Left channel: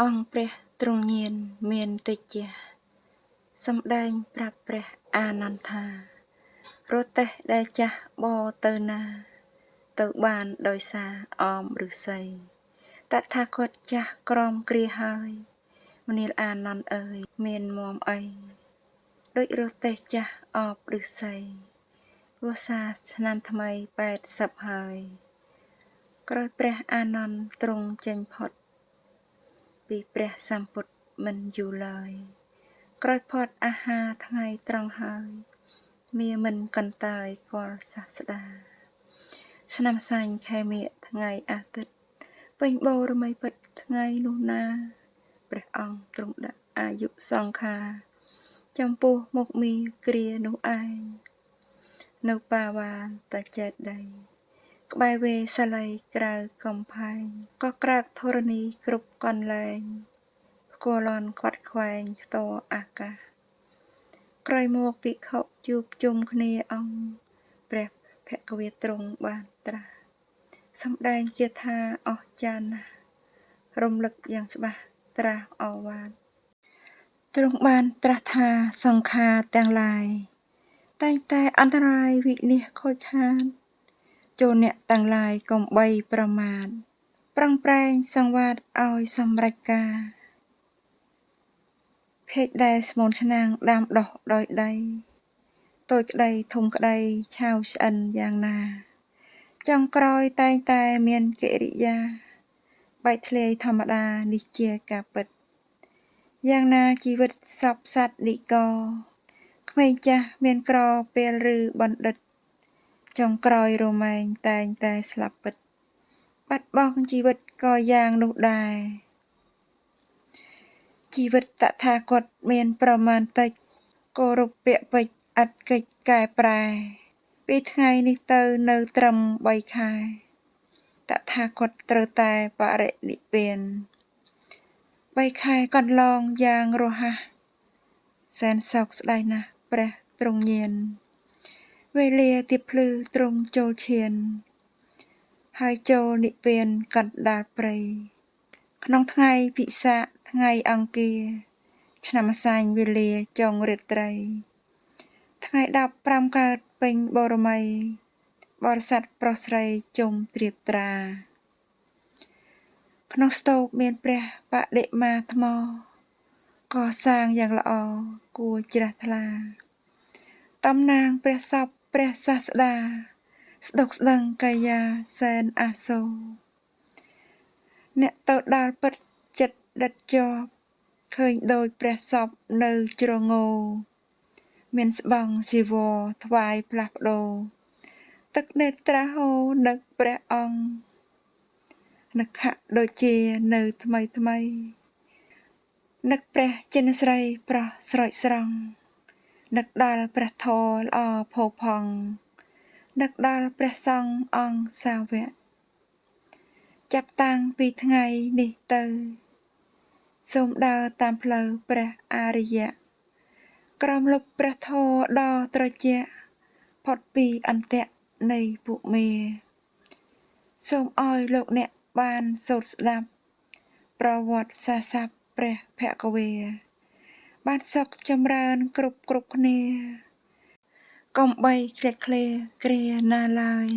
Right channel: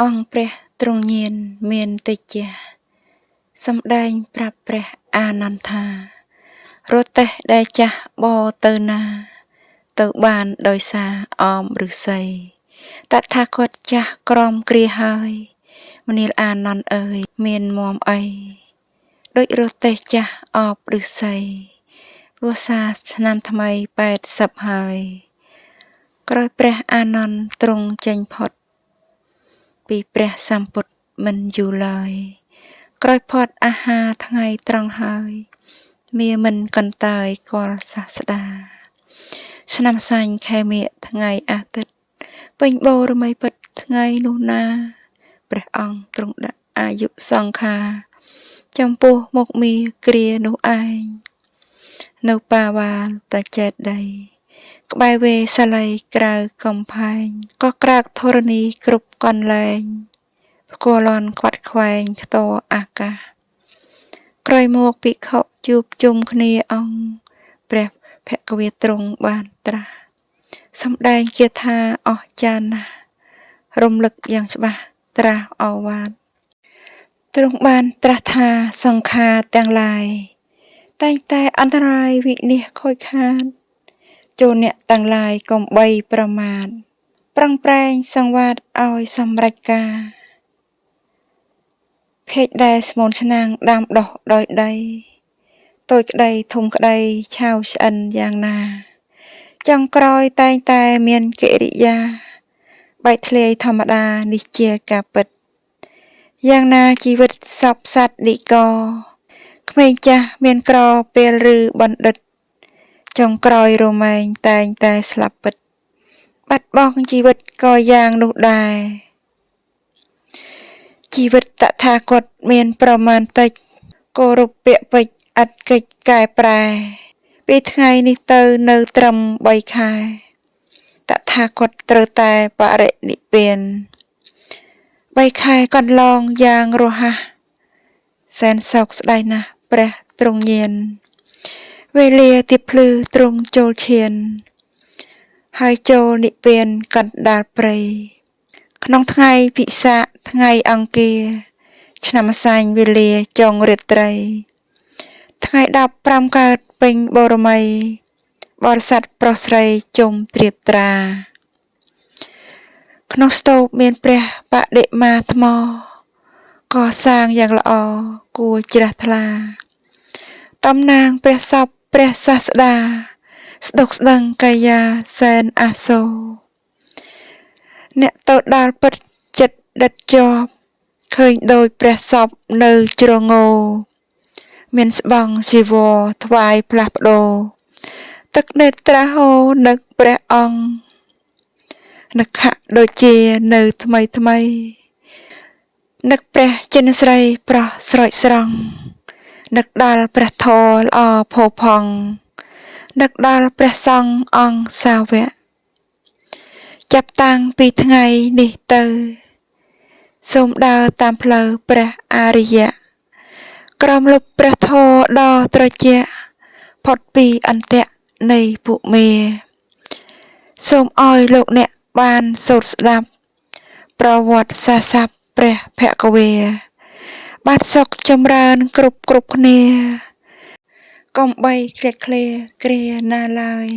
អង្គព្រះទ្រង់ញៀនមានតិចជាសម្ដែងប្រាប់ព្រះអានន្ទថារទេះដែលចាស់បរទៅណាទៅបានដោយសារអមឫស្សីតថាគតចាស់ក្រមគ្រាហើយមនាលអានន្ទអើយមានមមអីដូចរទេះចាស់អបឫស្សីវស្សាឆ្នាំថ្មី80ហើយក្រោយព្រះអានន្ទទ្រង់ចេញផុតពីព្រះសម្ពុទ្ធមិនយូរឡើយក្រោយផុតអាហារថ្ងៃត្រង់ហើយមាមិនកន្តើយគាល់សាស្តាឆ្នាំសាញ់ខែមិញថ្ងៃអាទិត្យពេញបូរមីពិតថ្ងៃនោះណាព្រះអង្គទ្រង់ដាក់អាយុសង្ខារចំពោះមុខមាគ្រានោះឯងនៅបាវាលតាចេតដីក្បែរវេសាល័យក្រៅកំផែងក៏ក្រាកធរណីគ្រប់កន្លែងផ្គាល់លន់ខ្វាត់ខ្វែងខ្ទរអាកាសក្រោយមកភិក្ខុជួបជុំគ្នាអង្គព្រះភគវាទ្រង់បានត្រាស់សម្ដែងគាថាអស្ចារ្យណាស់រំលឹកយ៉ាងច្បាស់ត្រាស់ឱវាទទ្រង់បានត្រាស់ថាសង្ខារទាំងឡាយតែងតែអន្តរាយវិនាសខូចខាតចូលអ្នកទាំងឡាយកុំបីប្រមាទប្រឹងប្រែងសង្វាតឲ្យសម្រេចការភេកដែលស្មូនឆ្នាំងដាំដុះដោយដីតូចក្ដីធំក្ដីឆាវឆ្អិនយ៉ាងណាចុងក្រោយតែងតែមានកិរិយាបែកធ្លាយធម្មតានេះជាការពិតយ៉ាងណាជីវិតសពសត្វនិកក្មេងចាស់មានក្រពេលឬបណ្ឌិតចុងក្រោយរមែងតែងតែស្លាប់ពិតបាត់បង់ជីវិតក៏យ៉ាងនោះដែរជីវិតតថាគតមានប្រមាណតិចគោរពពាក្យពេចន៍ឥតកិច្ចកែប្រែពីថ្ងៃនេះទៅនៅត្រឹម3ខែតថាគតត្រូវតែបរិនិព្វាន3ខែកន្លងយ៉ាងរហ័សសែនសោកស្ដាយណាស់ព្រះទ្រង់ញៀនវេលាទៀបភ្លឺទ្រង់ចូលឈានហើយចូលនិព្វានកណ្ដាលព្រៃក្នុងថ្ងៃពិសាខថ្ងៃអង្គារឆ្នាំម្សាញ់វេលាចុងរាត្រីថ្ងៃ15កើតពេញបូរមីបរិស័ទប្រុសស្រីជុំត្រៀបត្រាក្នុងស្ទូបមានព្រះបដិមាថ្មកសាងយ៉ាងល្អគួរជ្រះថ្លាតំណាងព្រះសពព្រះសាស្តាស្ដុកស្ដឹងកាយាសែនអាសូរអ្នកទៅដល់ពិតចិត្តដិតជាប់ឃើញដោយព្រះសពនៅជ្រងោមានស្បង់ជីវរថ្វាយផ្លាស់ប្ដូរទឹកនេត្រាហូរនឹកព្រះអង្គនឹកខៈដូចជានៅថ្មីថ្មីនឹកព្រះចិនស្រីប្រោះស្រោចស្រង់នឹកដល់ព្រះធម៌ល្អផូរផង់នឹកដល់ព្រះសង្ឃអង្គសាវកចាប់តាំងពីថ្ងៃនេះទៅសូមដើរតាមផ្លូវព្រះអរិយៈក្រោមលុបព្រះធម៌ដ៏ត្រជាក់ផុតពីអន្ទាក់នៃពួកមេសូមឲ្យលោកអ្នកបានសូត្រស្ដាប់ប្រវត្តិសាស្ត្រព្រះភគវាបានសុខចម្រើនគ្រប់គ្នាកុំបីឃ្លាតឃ្លាគ្រាណាឡើយ